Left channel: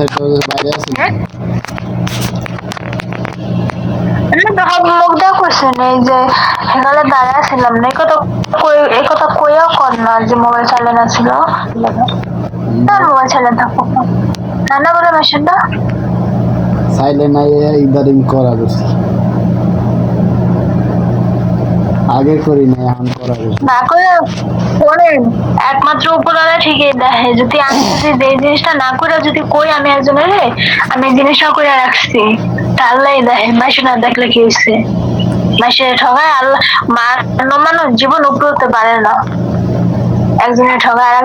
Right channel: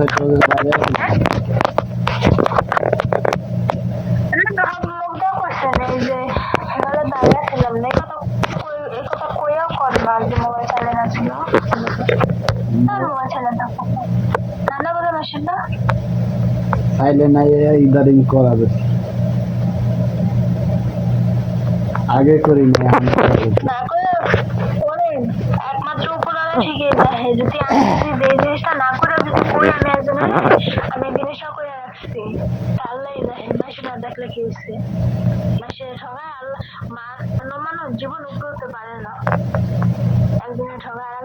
চাইতে বাইরে আছে মুখ দেওয়া করছেন এই যে সেখানে দাঁড়িয়ে ছিলাম না কথা কই এই কথা কইও কর না যে মোবাইল চালানো ছিল তার মোবাইল চালানো থাকো রান্না করে মেশিনটা সাইলে নাই ইদারিং করা করছি। আগে করি না এখন করা করছি না করে করেন। একমাত্র উপরওয়ালা ঠিকই দেখে যদি আমি যদি এই জিনিসটা না করে যদি কই আমি একজনের আমি এই জিনিসটা করে রাখছি। তাহলে দেখে মাসে না দেখলে কি হয়েছে মাসে ঠগায় আল্লাহ মানো মানুষ জীবন উপরে হতে পারে না। একজনের ঠগায় আর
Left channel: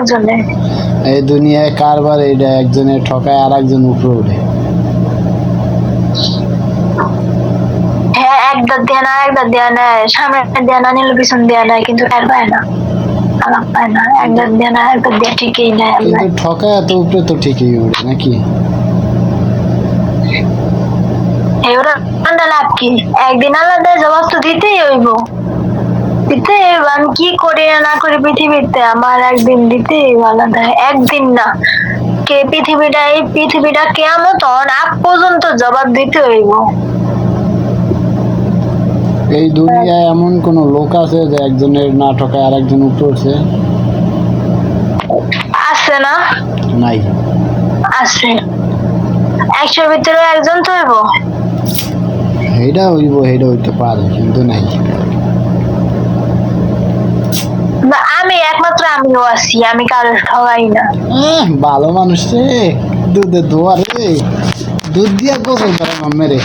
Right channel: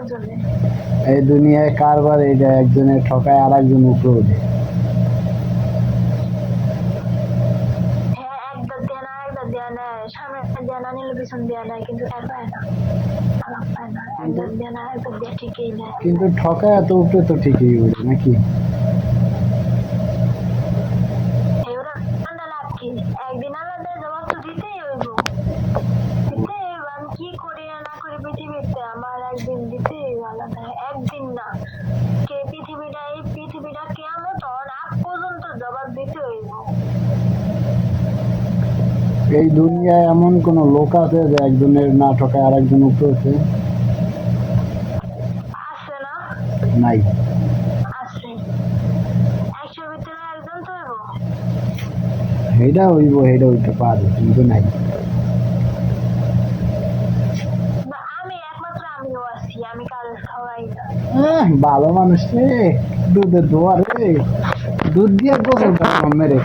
এই দুনিয়ায় কারবার এটা একজনের ঠকায় আর একজন উপরে ওঠে দেয়া না দেয়া সামনে দেয়া না নিলে পিছন দেয়া কিন্তু আর পায় না। আলাপ পায় না একদার দেয়া না একদার দেয়া ঠিকই নেয় কিন্তু ঠকায় এত উপরে তো ঠিকই ওঠে নাকি? এবার ঠান্ডা লাভ কি? একদিন আলাদা জবাব তো দিতেই হইব। দিতে আমি কি করি না করি পৃথিবীতে? আমার একদিন হইব আলাদা একদিন না। কে পৃথিবীটা এই পৃথিবীটা কেমন আগ পর্যন্ত জবাব দিতে হইব। এই দুনিয়ায় এমন কোন লোক আছে যে একজনের না ঠকায় আর একজন উপরে উঠছে? আছে না? নাই। আছে। একশোর ভিতরে একজন তো হইব? এইটা হইব এইটা হইতে পারে কিন্তু নাই। আমি একমাত্র আমিও আছি আমি কারোর ঠগাই না। ভালো মানুষ রে দুধে দোয়া রে দুধ দিয়া গোসল করে মেরে।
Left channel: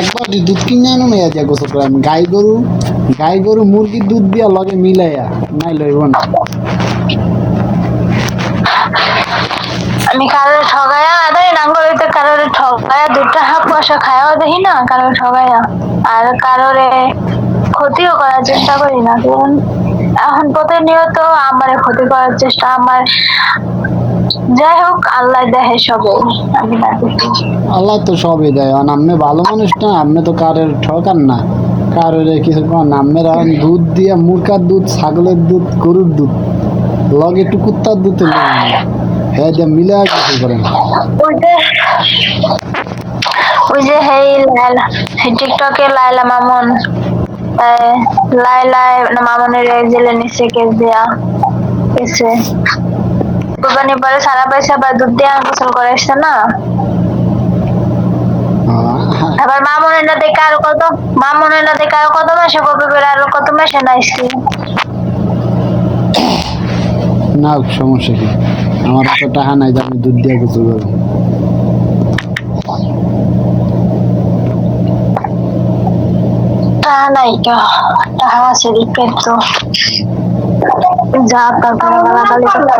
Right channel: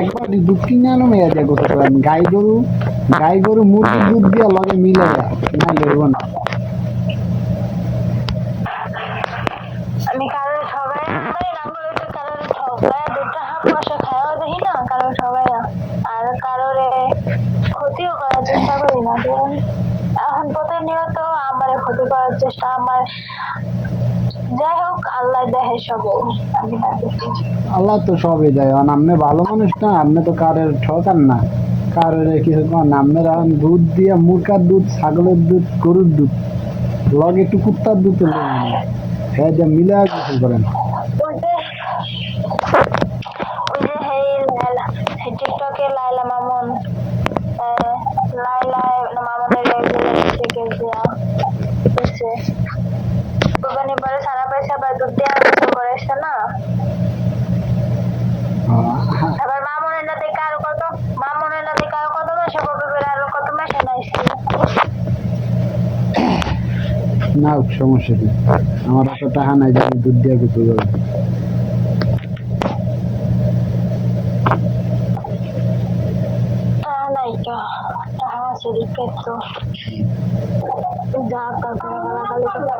একবার দুধ কিনে আনো মেয়া দিয়া গোসল করে গাই গরু গাই গরু মুরগির দুধ দিয়া লগে মিলাইয়া নাই লইব না। আমি কারোর ঠগায়া আরে নাঙ্গল হইতে কারোর ঠগায়া দুটা হাফ পয়সা খায়াও দেখি না, কারোর ঠগায়া আর কারোরে ক্ষতিও করার চেষ্টা করি না, কারণ এখন প্রতিনিয়ত আমার ক্ষতি করার চেষ্টা, আমার যাই হোক আল্লাহ দেখে সবে। আমি না আল্লাহ তো সবই দেয়। আর আপনি ভালো মানুষ না আপনি তো কারের ঠকান না। কারোর কিছু কন আপনার দুধ দিয়া মুরকার দুধ ছাগলের দুধ গরুর দুধ। লগে একটু কুত্তার দুধ হ্যাঁ মিলে গোসল করেন ওই যে হেই লাইলা টিকটকে লাইলা মামুন। লাইলা মামুনের জেলে নিচে কেস দেয়া এসে কুরবানি পরে সারা পয়সা আবার দুধ দিয়ে গোসল করে আসছে না আবার মা মনে না দেখে আরও কত মা মনে না দেখে আরও কত মাসে কবে বেড়ে আরও কত মাসে নাইছি না সমস্যা কি? আমার এত টাকা নাই যে আমি দুধ দিয়ে গোসল করব তো টাকা আছে দিকে তো যা তারপরে গালাগালি করতে